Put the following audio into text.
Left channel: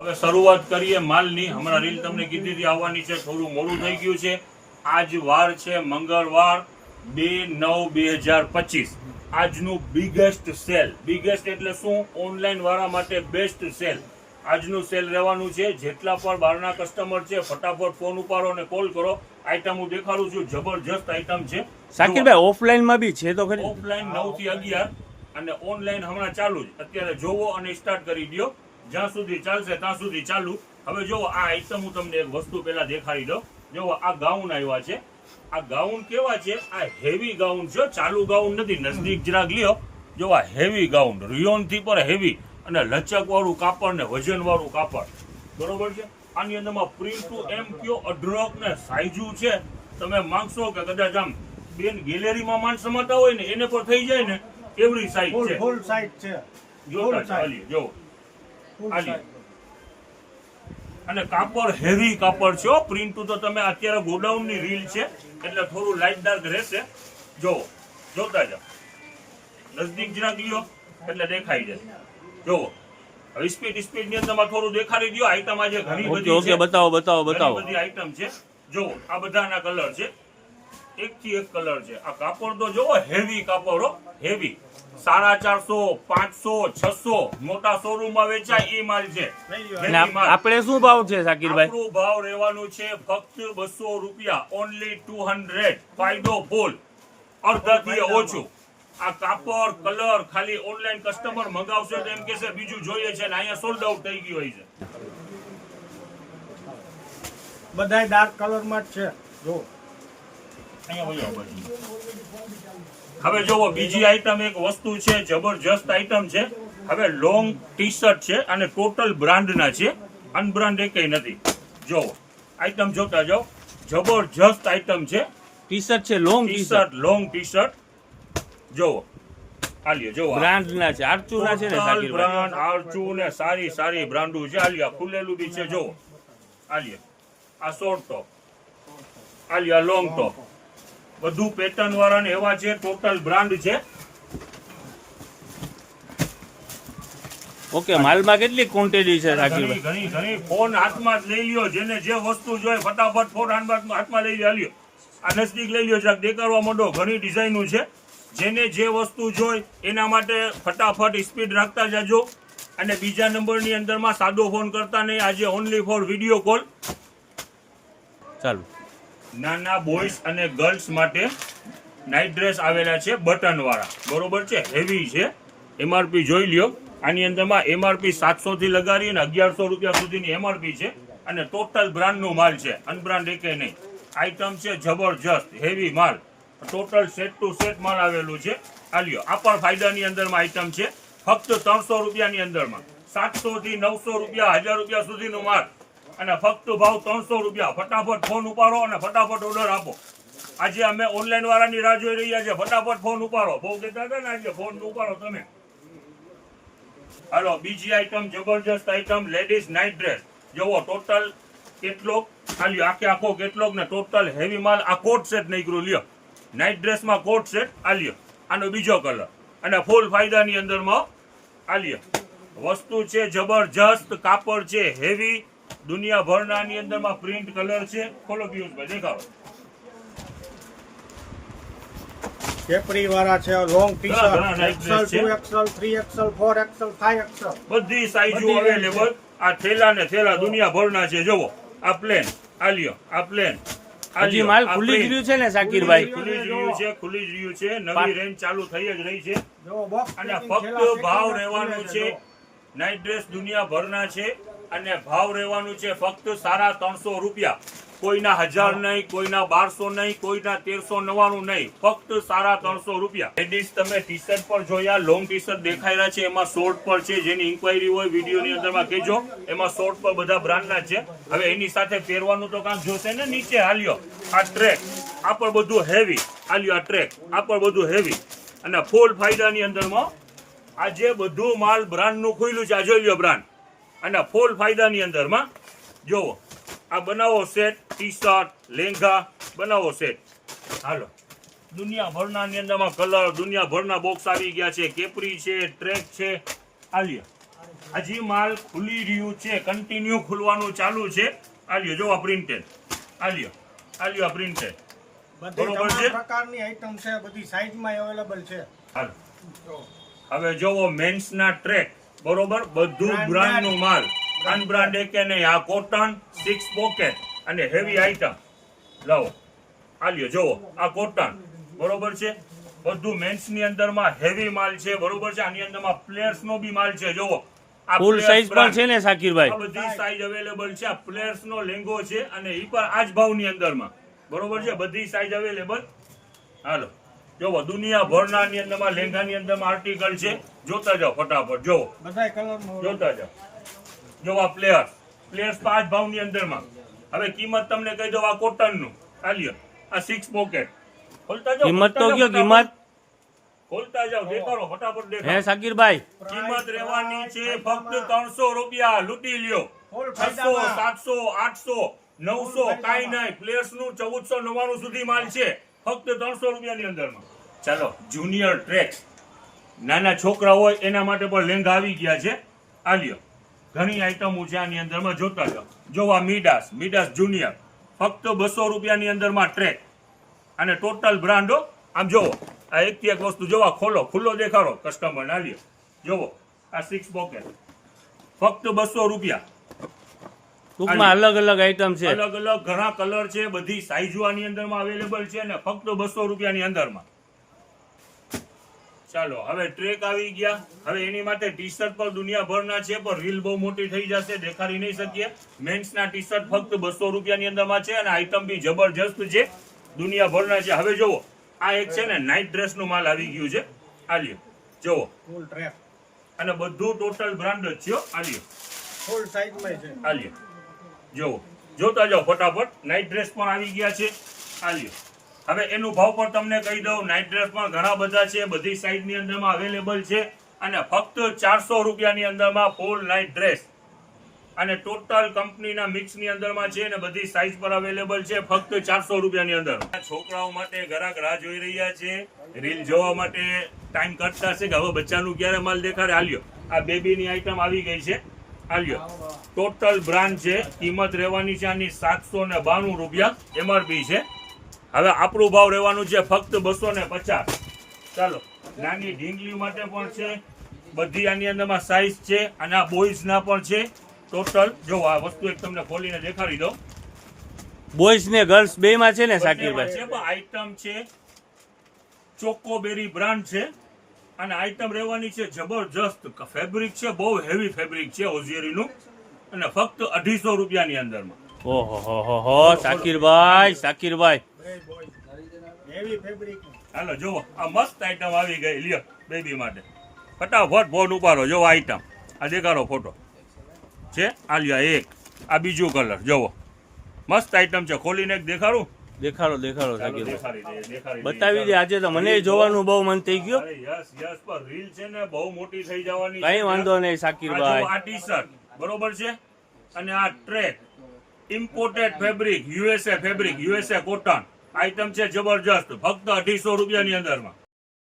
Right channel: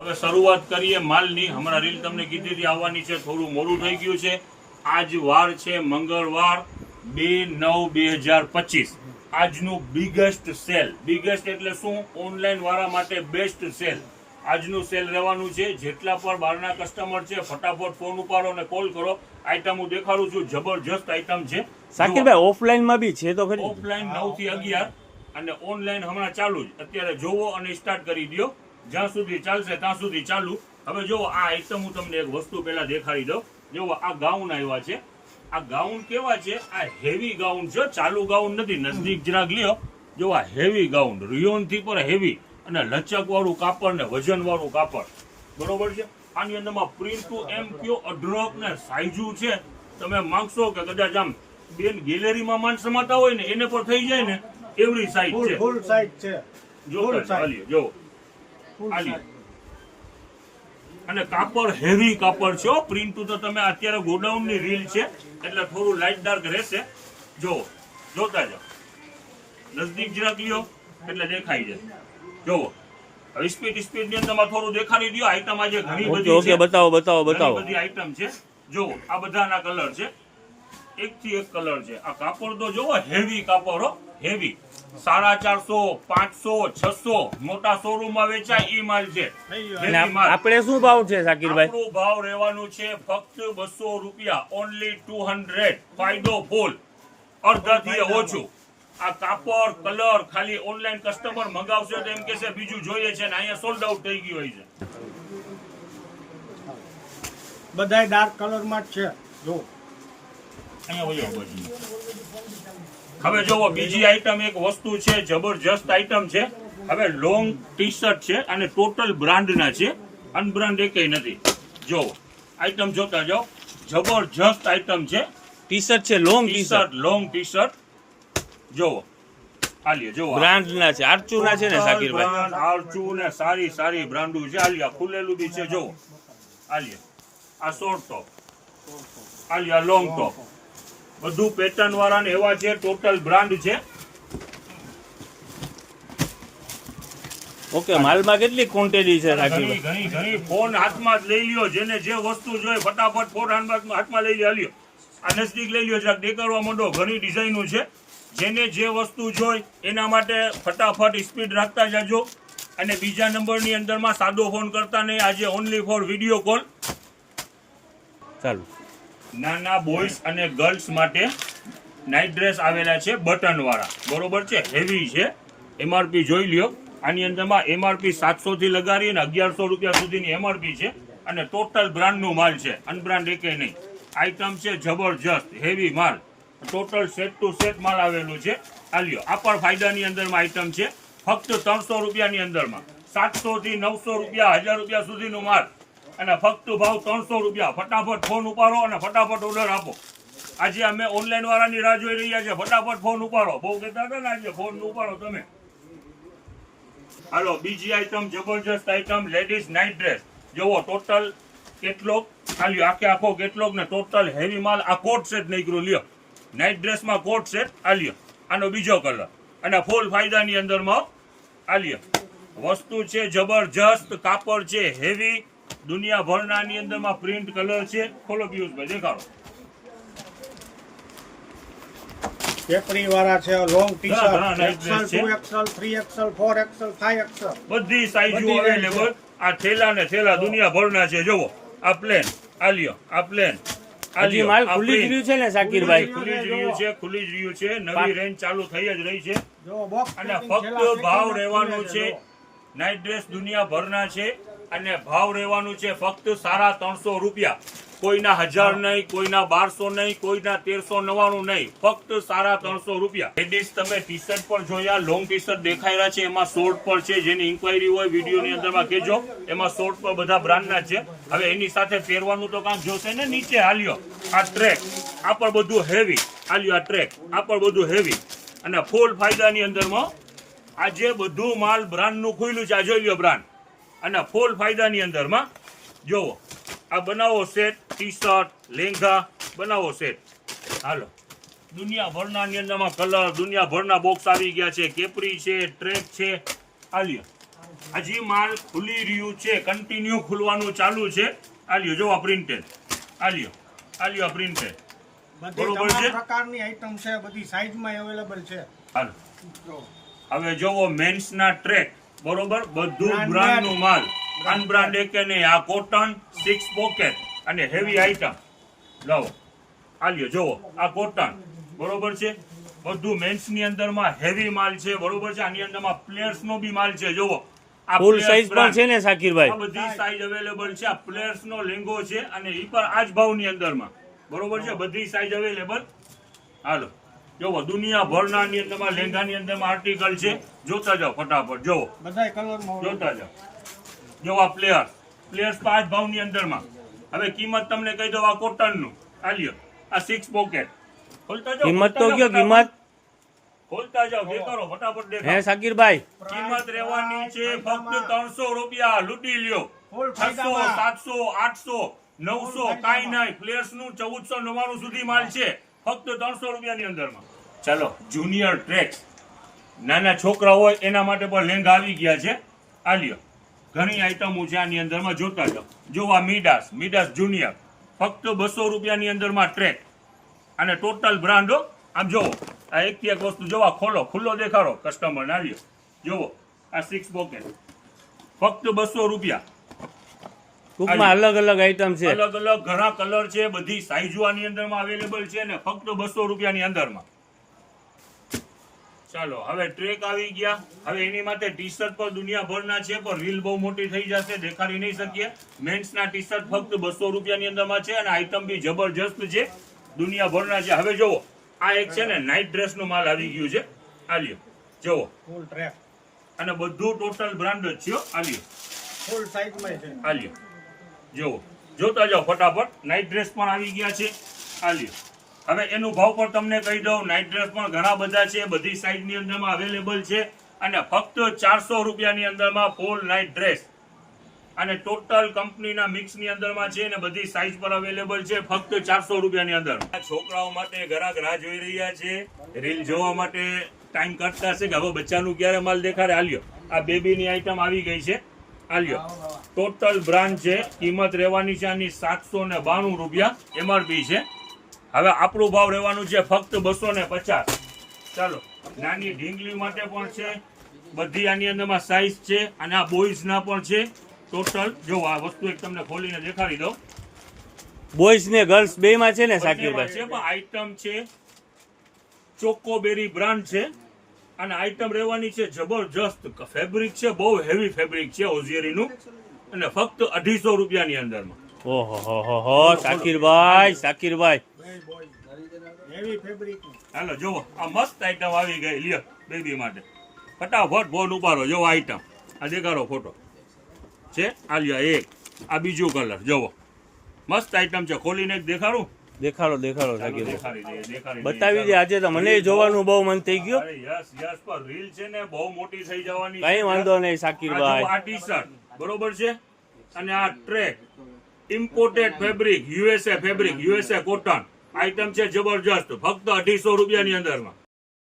હવે શરૂઆત કરીએ માલની. હમણાં રીલ તમને કીધી હતી આવવાની છે, થોડું મોડું થઈ ગયું છે. આજ વાર છે મંગળવાર 2/9/2025. આજનું બિગેસ્ટ સેલ. બિગેસ્ટ એટલે શું? ઓનલાઈન વાળા માટે બેસ્ટ સેલ. આજનું સેલ રહેવાનું છે. જેટલા પણ બહારના કસ્ટમર છે ફટાફટ ફોન ઉપાડો અને કોલ કરો. આઈટમ હું દેખાડું છું, જબરજસ્ત આઈટમ છે. શાકિરભાઈ ઓફલાઈનમાં બી છે તો ખરી? ઓફલાઈન 9 થી 11 અને ઓનલાઈન હમણાં ચાલુ જ. અત્યારે જોવો અને સ્ટાર્ટ કરી દો. જ્યાં સુધી ચાલશે ત્યાં સુધી ચાલુ. હવે જોવો આ આઈટમ હું તમને એક વસ્તુ પહેલા દેખાડી દઉં. જોવો આ ગાઉન આવ્યા છે. આ ગાઉન કેવા છે? આ હેવી ગાઉન છે, ચાલુ ગાઉન નથી. નજદીક જરાક લ્યો. જો આ હેવી ગાઉન, રિયોન થી પણ હેવી અને લચક વાળું કાપડ ને વજન વાળું કાપડ. બરોબર છે. આની અંદરમાં પ્રિન્ટ ટુ એમ કયો અઢળક ને સાઈઝુ છે. તમે માંગશો કે કદાચ આમ બેન ગેલેરીમાં માણસ સમાતા હોય ને એને પર થઈ જાય ને એવડી સાઈઝ છે. ફૂલ સાઈઝ છે. જોતા ચાલીએ જો અને કાપડ હેવી કાપડ છે. પ્રિન્ટ તો તમે અત્યારે ગોડાઉન ની રીલ છે એટલે થોડું લાઇટ ડાર્ક રહેશે. જો જોતા જાઓ, નજદીક જરાક લ્યો એટલે દેખાઈ જાય. જોવો સ્પીડ ની અંદર થોડું દેખાડી દો. આઈટમ આજે ઘણી બધી છે. બતાવો. બધી આઈટમ છે. જોવો આ બધાના કલર છે, એક થી એક કલર છે. આ કાપડ તો જોવો હેવી કાપડ હો, હેવી. 450, 500, 600 મોટા શોરૂમ માં વેચાય એ માલ છે. આપણે શું ભાવ છે શાકિરભાઈ? આપણો ભાવ રહેવાનું છે ફક્ત 200 રૂપિયા. ઓનલી 200. ફાયદો ફૂલ, અડધાથી ઓછું. આ કાપડ કલર ખાલી ઓનલાઈન કસ્ટમર મંગાવશે તો એમ કહેશે બીજું જોઈએ છે ને અહીંયા સોલ્ડ આઉટ થઈ ગયું હોય છે. બધાય ડાર્ક કલર માં જ છે. જો હવે જોવો બીજી આઈટમ એક વસ્તુ છે, જબરજસ્ત આઈટમ છે. હવે લોંગ ટી શર્ટ છે અને ટોટલ બ્રાન્ડ ના છે, અનબ્રાન્ડ એકય નથી. જોવો આઈટમ જોતા જાઓ, જબરજસ્ત આઈટમ છે. ટી શર્ટ છે, long T shirt, long T shirt. જોવો આલિયો જોવો બ્રાન્ડ ના છે, આરચુ ના છે ને શાકિરભાઈ? આરચુ ને સારી સારી બ્રાન્ડુ છે. આલિયા ખુલેલું બી છે. જોવો આલિયો આ શોર્ટ ટોપ, આલિયા લોંગ ટોપ, બધું પેટર્ન વાળા ને એવા છે. ટોટલ બ્રાન્ડ છે. ઓકે, માલમાં કેટલી ક્વોન્ટિટી છે ઘણી ઘણી ઘણી. ફોન હાથમાં જ લઈ લ્યો. જેને જે વસ્તુ જોઈએ ફટાફટ ફોન હાથમાં લઈ લ્યો. આ નજદીક લઈ લ્યો, જરાક દેખાડવા માંડો. ઘણી ડિઝાઇનો છે. જેને જે વસ્તુ જોઈ એના માટે ફટાફટ સ્પીડ રાખતા જજો. અને બીજા નંબરની અંદરમાં સાદો ફોન કરતા નહીં. આજે ઓનલી ફોર વિડીયો કોલ. ચાલુ નાના બોયઝ અને ગર્લ્સ માટે નાઇટ ડ્રેસ આવેલા છે, બટન વાળા. બરોબર છે, હેવી છે. એમઆરપી જોઈ લ્યો. આની અંદરમાં એમઆરપી 700 થી લગાડીને 1100 રૂપિયા સુધીની એમઆરપી છે. અને ટોટલ બ્રાન્ડ નું માલ છે, અનબ્રાન્ડ એકે નહીં. આઈટમ છે જબરજસ્ત, હેવી માલ. ટોટલ સેટ ટુ સેટ માલ આવેલું છે. આ લ્યો, આ પણ ફાયદાની અંદરમાં આઈટમ છે. ફક્ત 300 રૂપિયાની અંદરમાં. 700 થી 900 રૂપિયા, 1000 રૂપિયા સુધીનું માલ અને ફક્ત ભાવ 300 રૂપિયા. ફટાફટ ફોન ઉપાડો અને ફટાફટ ઓર્ડર આપો. આજે અમે ઓનલાઈન વાળાની રાહ જોઈ રહ્યા છે. ફટાફટ ફોન ઉપાડો. બહુ કહેતા હતા ને આજે ફોન ઉપાડો તમે. હાલો બીજી આઈટમ, જબરજસ્ત આઈટમ, લેડીઝ નાઇટ ડ્રેસ. જોવો ટોટલ કેટલોગ, આલ્યો આખે આખો કેટલોગ ને ટોટલ હેવી માલ. આ કોટ સેટ નીકળ્યું, લ્યો નાઇટ ડ્રેસમાં કોટ સેટ. આલ્યો આનો બીજો કલર અને ફૂલ ફાયદાની અંદરમાં. આલ્યો વસ્તુ છે જબરજસ્ત, કાપડ છે હેવી, દુનિયાભરના ની અંદરમાં પ્રિન્ટ કલર છે. ખોલો પિયુષભાઈ દેખાડો. કેપરી વાળા છે, long T shirt, XL, 2XL, 3XL, 4XL, 5XL, બધી સાઈઝો અવેલેબલ. આ થેલા ને થેલા દુનિયાભરના છે. જોવો આ પ્લેન, આલ્યો આ પ્લેન. હજી માલ ખુલ્લી જ રહ્યું છે ને શાકિરભાઈ? ખુલ્લી જ રહ્યું છે, ખુલ્લી જ રહ્યું છે. નવી રેન્જ ચાલુ થઈ જ રહી છે. જો બોક્સ અને ફક્ત ભાવ રહેવાનું છે. નાઇટ ડ્રેસ દુનિયાભરના છે અને ભાવ રહેવાનું છે ફક્ત 350 રૂપિયા. કોઈના 1000 નહીં, કોઈના 1200 નહીં, કોઈના 1399 નહીં. ફક્ત 350 રૂપિયા. લેડીઝ તમે ટી શર્ટ પર જોયા, લોંગ ટી શર્ટ દેખાઈ રહ્યા છે. એમાં શોર્ટ પર છે. જેની ઇન્ક્વાયરી હોય વિડીયોની અંદરમાં કહેજો. એમાં શોર્ટ પર બધા બ્રાન્ડના છે. હવે એની સાથે પહેરવાનું તો કાંક જોશે ને. નીચે હાલ્યો આ ટ્રેક, આ પણ બધું હેવી. હાલ્યો આ ટ્રેક, આ પણ બધું હેવી અને ફૂલ ફાયદાની અંદરમાં. આજે બધું માલ બ્રાન્ડ નું ખુલ્લું છે. આ જોઈ લો બ્રાન્ડ અને ફૂલ ફાયદાની અંદરમાં. જોવો આ બનાવો સેટ, ટી શર્ટ, લેંઘા બનાવો સેટ. હાલો દુનિયાભરના ની અંદરમાં કલર, દુનિયાભરના બોક્સ આવી ગયા છે. કેપરી છે, ટ્રેક છે. આલિયો હજી માલ ખુલી રહ્યું છે, કન્ટિન્યુ ખુલવાનું ચાલુ છે. આ લ્યો જો આ પ્રિન્ટેડ, આ લ્યો પ્રિન્ટેડ. બધી બરોબર તમામ છે? પ્રકારની આઈટમ છે, બધી સાઈઝમાં અવેલેબલ છે. હાલો જો. હવે જોવો મેન્સ ના ટ્રેક, બરોબર, બધું Branded. બ્રાન્ડ નું માલ, અનબ્રાન્ડ કે નહીં. આ કોટન 6 પોકેટ અને હેવી આઈટમ લાવો. આ લ્યો જોવો આ કોટન, બરોબર છે, બધું મેન્સ ની અંદર માં હેવી માલ છે, બરોબર છે. આની અંદર માં પ્લેયર્સ નો બી માલ છે. જોવો આ ફૂલ players સાઈઝ પણ brand. છે ને શાકિરભાઈ? આ બધી સાઈઝ અવેલેબલ છે. આ પ્લેયર્સ નો લેંગો છે અને ઈ પણ આ જ ભાવ ની અંદર માં, બરોબર છે, બધી સાઈઝ અવેલેબલ. હાલો જોવો દુનિયાભરના ની અંદર માં લેંગા ની અંદર માં આર્ટિકલ છે. જોતા જાઓ ફટાફટ, જોવો બધાય કલરમાં જોતા જાઓ. જો આ પ્લેયર્સ 5 ભાવ ની અંદર માં. હવે કિંમત તમને કહી દઉં. આ કોટન નું આ લ્યો, આ 6 પોકેટ. ખોલતા જાઓ, કિંમત તો ખોલતા કયો જાઓ, કિંમત? ખોલતા જાઓ, દેખાડો ફટાફટ હે દેખાડો. શાકિરભાઈ? કિંમત રહેવાની છે ફક્ત 300 રૂપિયા. લૂંટી લ્યો. ફૂલ 600, ફાયદામાં. 700, 800, 900 કાંઈ નહીં. પ્લેયર્સ નું 1499 સુધી માલ છે, ફક્ત 300 રૂપિયાની અંદરમાં. ચાલો જુનિયર ટ્રેક્સ, નાના છોકરા હોય એના માટે પણ લેંઘા આવી ગયા છે. આ લ્યો ઘણી આઈટમો છે આની અંદરમાં. જોતા જાઓ. જો આ મિડાસ જુનિયર, ફક્ત 200 રૂપિયાની અંદરમાં ટ્રેક અને ટોટલ બ્રાન્ડો. આમ જોવો આ એકથી એક વસ્તુ જોવા, ખોલો ખુલ્લો દેખાડો કસ્ટમર ના લ્યો. જોવો આ 6 પોકેટ ફક્ત 200 રૂપિયા. ટૂંકમાં અલગ અલગ આઈટમ છે. અલગ અલગ ઘણા કલર છે, બધી સાઈઝો આની અંદરમાં અવેલેબલ છે ને ફક્ત 200 રૂપિયાની અંદરમાં. ચાલો હવે ટ્રેક આવી ગયા. હવે એની માટે ટી શર્ટ પર દુનિયાભરના છે, પણ રીલ બહુ મોટી થઈ જશે, દેખાડી નહીં શકીએ. મેન્સ ના ટી શર્ટ ફક્ત 200 રૂપિયાની અંદરમાં છે અને આઈટમ બી જબરજસ્ત છે, દુનિયાભરના છે. હવે જોવો આ એક છે ને નાઇટ ડ્રેસ નું માલ આવી ગયું છે. આ લ્યો જોવો, ફૂલ ટ્રેક, અને બધું ટોટલ બ્રાન્ડ જ છે. આ લ્યો, ફૂલ સાઈઝમાં છે. આ લ્યો જોવો, જોતા જાઓ ફટાફટ. નાઇટ ડ્રેસ પણ આવી ગયા છે. આ લ્યો. હવે એનું ભાવ પણ તમને કહી દઉં. નાઇટ ડ્રેસ પણ ઘણા બધા છે, બધી સાઈઝ ની અંદરમાં અવેલેબલ છે અને ફક્ત 400 રૂપિયાની અંદરમાં ફૂલ નાઇટ ડ્રેસ અને ટોટલ કંપનીના મિક્સ ની અંદરમાં છે ને બધી સાઈઝ પર અવેલેબલ છે, ફક્ત 400 રૂપિયાની અંદર. છોકરાઓ માટે ગ્રાહક રાહ જોઈ રહ્યા છે, રીલ જોવા માટે ટાઈમ કાઢતા છે કે હવે બચ્ચાનું ક્યારે માલ દેખાડે. આલ્યો આ બેબીની આઈટમ આવી ગઈ છે. આલ્યો ટોટલ બ્રાન્ડ છે. કિંમત રહેવાની છે આની 792 રૂપિયા એમઆરપી છે. હવે આપણું ભાવ રહેવાનું છે ફક્ત 250. ચાલો નાની ઢીંગલી માટે પણ છે, બધી આની અંદરમાં સાઈઝ છે અને આ બોયઝ ના પણ છે. ટોટલ જો આ વસ્તુ એક તમને ખોલીને દેખાડી દઉં. બોયઝ ને ગર્લ્સ બે માં છે ને બંનેમાં શાકિરભાઈ? છે, પણ આઈટમ છે ચોકોબેરી બ્રાન્ડ છે અને આઈટમ રહેવાની છે જબરજસ્ત. ફેબ્રિક છે બહુ હેવી ફેબ્રિક છે ઓઝિયરીનું અને ફક્ત 250 રૂપિયાની અંદરમાં. ઓહો હો હો શાકિરભાઈ હેવી ફેબ્રિક. હાલો જોવો આ મસ્ત આઈટમ આવી ગઈ. લ્યો બેબી માટે ફટાફટ ફોન ઉપાડો. જોવો આઈટમ આ દેખાડો ફોટો છે. આ લ્યો એક, આ બીજું કલર જોવો મસ્ત આઈટમ છે. ખોલીને એક દેખાડું. દેખાડો શાકિરભાઈ, દેખાડી બતાવી દે. આજે તો મને જોવાનું બહુ મન થઈ ગયું. યસ પર રીલ છે ને બહુ મોટી થઈ જવાની. કઈ વાંધો નહીં આ શાકિરભાઈ. જો આ ટી શર્ટ બરોબર છે અને આ track imported fabric, USA fabric, USA cotton item છે જબરજસ્ત, ફક્ત 250 રૂપિયાની અંદરમાં.